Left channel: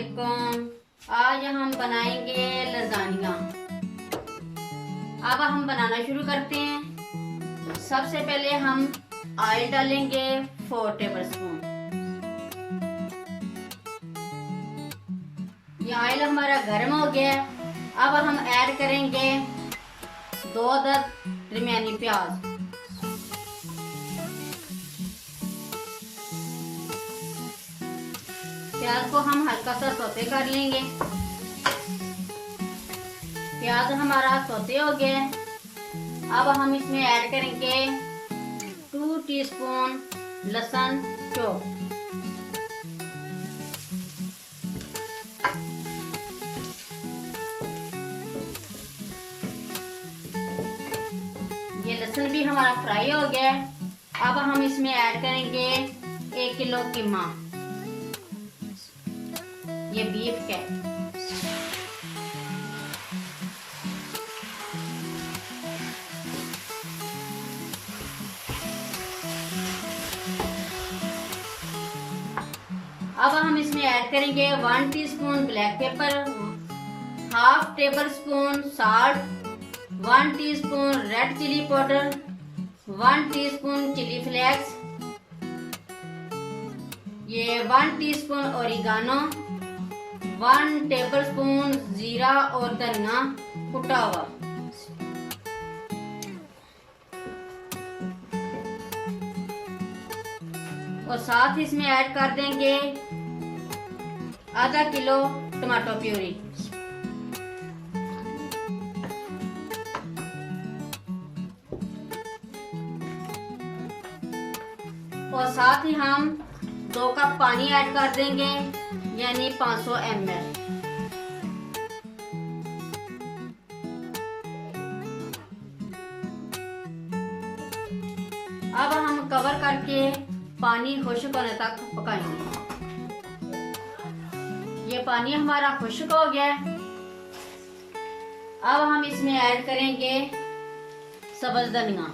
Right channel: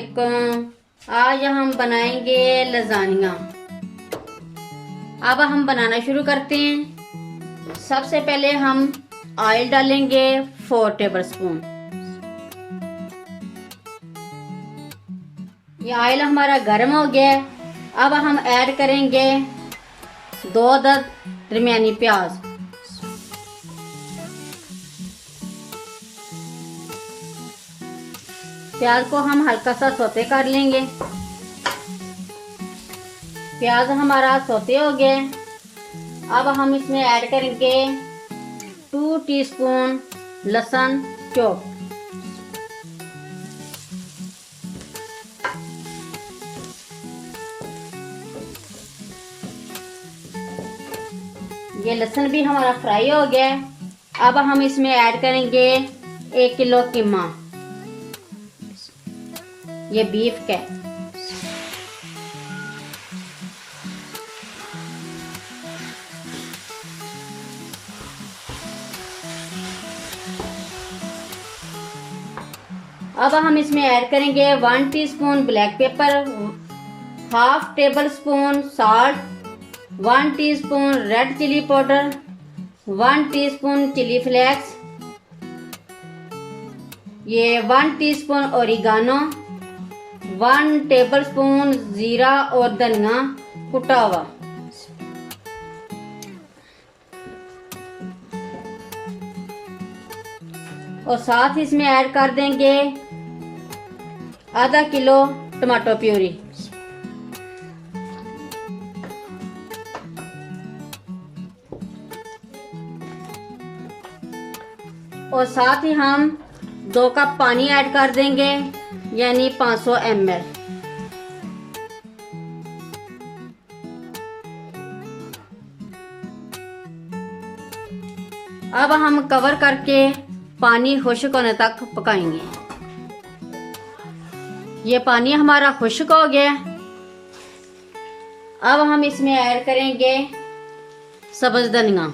अस्सलामुअलैकुम। आज हम बनाएंगे लजानिया। अब हम बनाना शुरू करते हैं। सबसे पहले हम ऑयल डालेंगे 4 टेबलस्पून। ये ऑयल हमारा गर्म हो गया है। अब हम ऐड करेंगे 2 अदद दरमियानी प्याज। प्याज को हम हल्का सा सौते कर लेंगे। प्याज हमारा सौते हो गया। अब हम इसमें ऐड करेंगे 2 टीस्पून लहसुन चॉप। ये लहसुन भी हमारा फ्राई हो गया। अब हम इसमें ऐड करेंगे 1 किलो कीमा। ये बीफ का। अब हम इसमें ऐड करेंगे 1 teaspoon black pepper, half tablespoon salt, 1 teaspoon red chili powder, 1 teaspoon chili flakes, ये 1 टीस्पून ओरिगानो, 1 टेबलस्पून जीरा और धनिया कुटा हुआ। और साथ इसमें ऐड कर देंगे आधा किलो टमाटो प्यूरी। और साथ ही हम 2 कप पानी ऐड कर देंगे, यानी 500 ml। अब हम कवर करके पानी खुश्क होने तक पकाएंगे। ये पानी हमारा खुश्क हो गया। अब हम इसमें ऐड करेंगे सब्ज धनिया।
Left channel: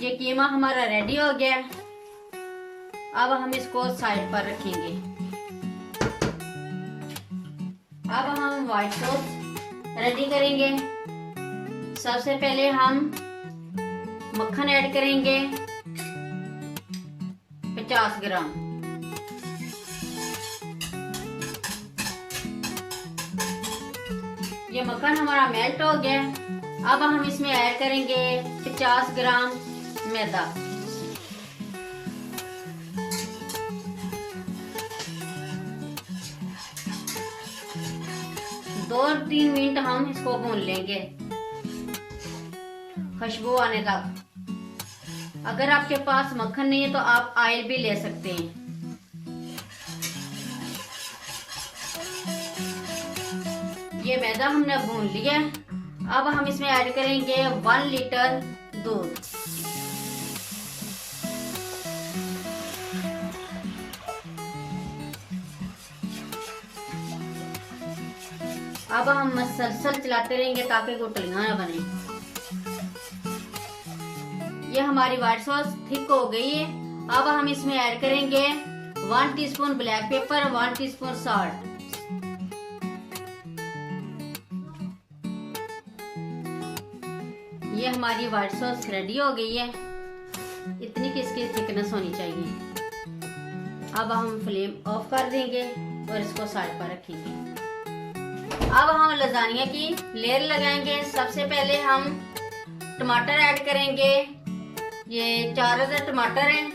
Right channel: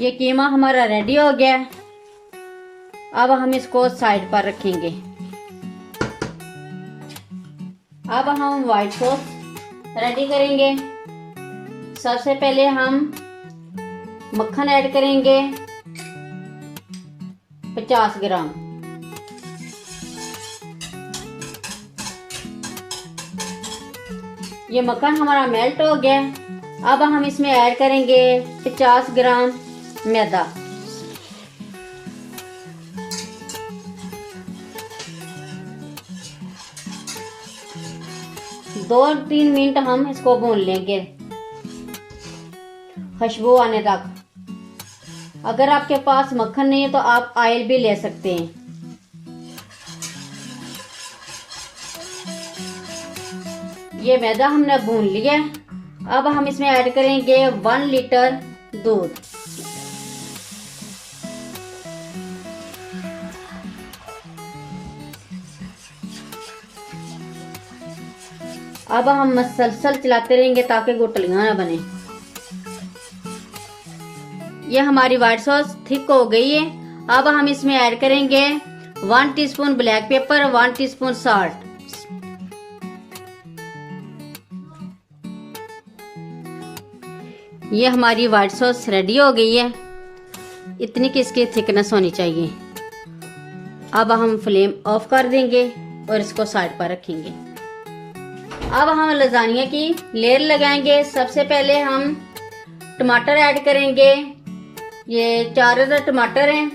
ये कीमा हमारा रेडी हो गया। अब हम इसको साइड पर रखेंगे। अब हम व्हाइट सॉस रेडी करेंगे। सबसे पहले हम मक्खन ऐड करेंगे 50 ग्राम। ये मक्खन हमारा मेल्ट हो गया। अब हम इसमें ऐड करेंगे 50 ग्राम मैदा। दो 3 मिनट हम इसको भून लेंगे खुशबू आने तक। अगर आपके पास मक्खन नहीं है तो आप ऑयल भी ले सकते हैं। ये मैदा हमने भून लिया। अब हम इसमें ऐड करेंगे 1 लीटर दूध। अब हम मसलसल चलाते रहेंगे ताकि गुठलियां ना बने। ये हमारी व्हाइट सॉस थिक हो गई है। अब हम इसमें ऐड करेंगे 1 teaspoon black paper, 1 teaspoon salt. ये हमारी व्हाइट सॉस रेडी हो गई है। इतनी की इसकी थिकनेस होनी चाहिए। अब हम फ्लेम ऑफ कर देंगे और इसको साइड पर रखेंगे। अब हम लजानिया की लेयर लगाएंगे। सबसे पहले हम टमाटर ऐड करेंगे। ये 4 अदद टमाटर हैं।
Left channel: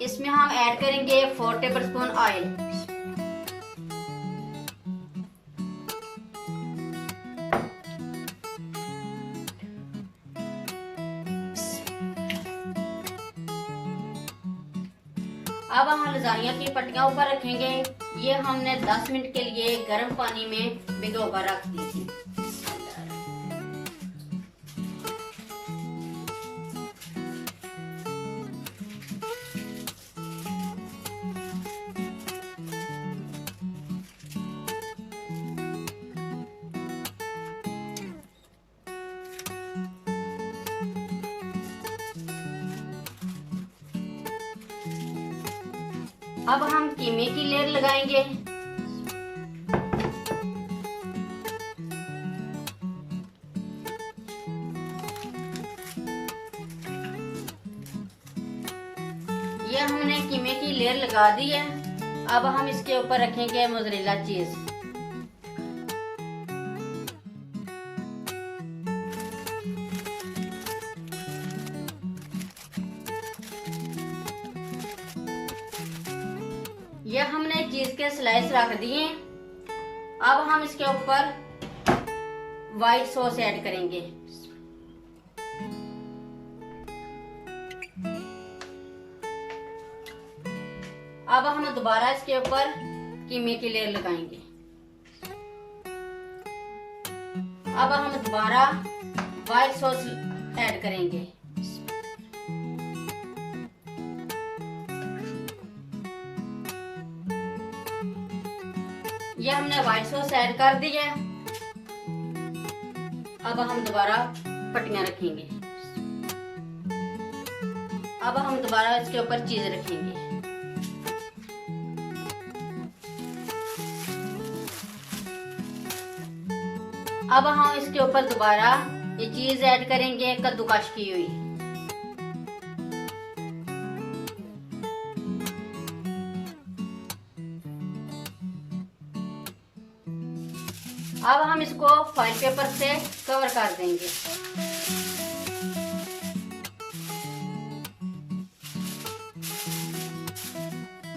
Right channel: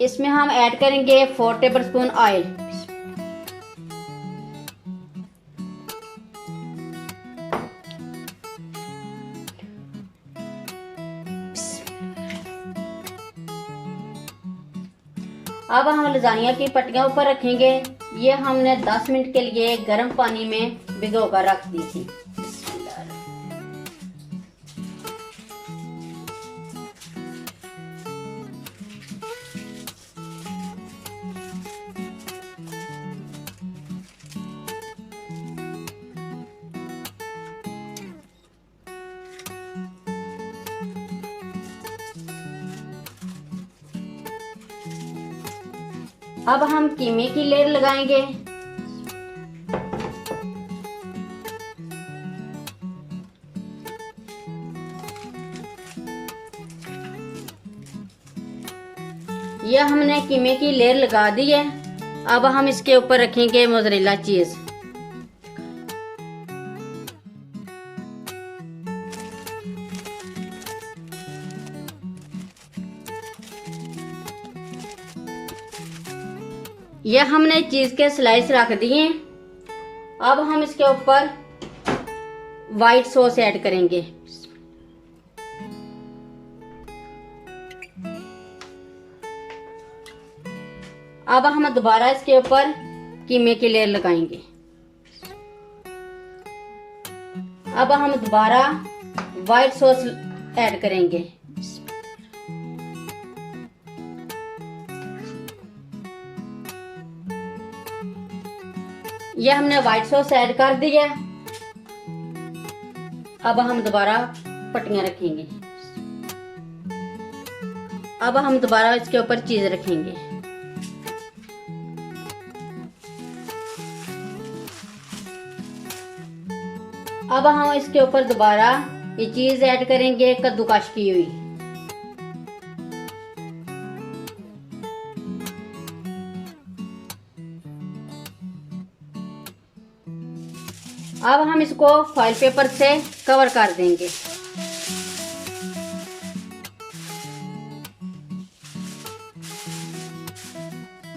इसमें हम ऐड करेंगे 4 टेबलस्पून ऑयल। अब हम लजानिया की पट्टियां ऊपर रखेंगे। ये हमने 10 मिनट के लिए गर्म पानी में भिगोकर रख दी थी। अब हम कीमे की लेयर लगाएंगे। यह हमने कीमे की लेयर लगा दी है। अब हम इसके ऊपर रखेंगे मोज़रेला चीज। यह हमने चीज के स्लाइस रख दिए। अब हम इसके ऊपर व्हाइट सॉस ऐड करेंगे। अब हम दोबारा इसके ऊपर कीमे की लेयर लगाएंगे। अब हम दोबारा व्हाइट सॉस ऐड करेंगे। यह हमने व्हाइट सॉस ऐड कर दी है। अब हम दोबारा पट्टियां रखेंगे। अब हम दोबारा इसके ऊपर चीज रखेंगे। अब हम इसके ऊपर दोबारा ये चीज ऐड करेंगे कद्दूकश की हुई। अब हम इसको फॉइल पेपर से कवर कर देंगे।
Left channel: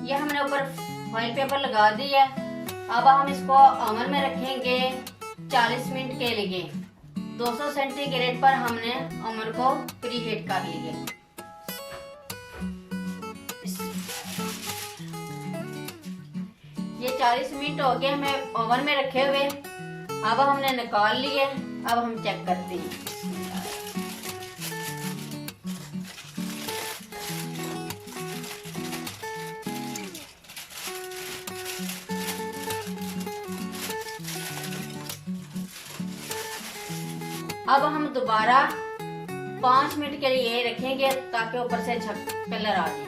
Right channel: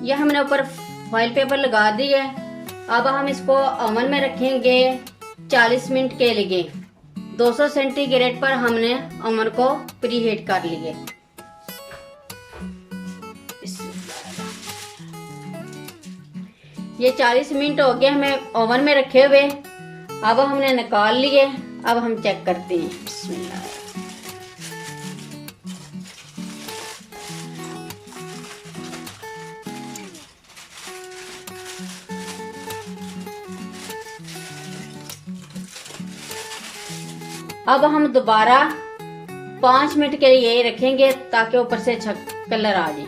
यह हमने ऊपर फॉइल पेपर लगा दी है। अब हम इसको ओवन में रखेंगे 40 मिनट के लिए। 200 सेंटीग्रेड पर हमने ओवन को प्रीहीट कर लिए। ये 40 मिनट हो गए हमें ओवन में रखे हुए। अब हमने निकाल लिए। अब हम चेक करते हैं। अब हम दोबारा 5 मिनट के लिए रखेंगे ताकि ऊपर से अच्छा कलर आ जाए।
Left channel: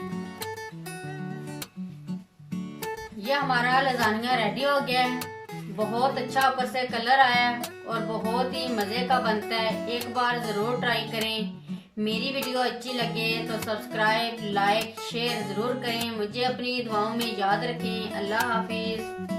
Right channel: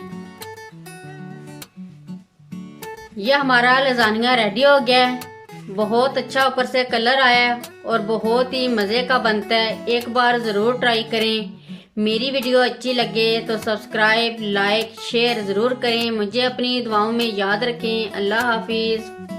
यह हमारा लजानिया रेडी हो गया है। बहुत अच्छा ऊपर से कलर आया है और बहुत ही मज़े का बनता है। एक बार ज़रूर ट्राई करें। मेरी वीडियो अच्छी लगे तो सब्सक्राइब, लाइक, शेयर ज़रूर करें। मुझे अपनी दुआओं में याद रखें। अल्लाह हाफिज़।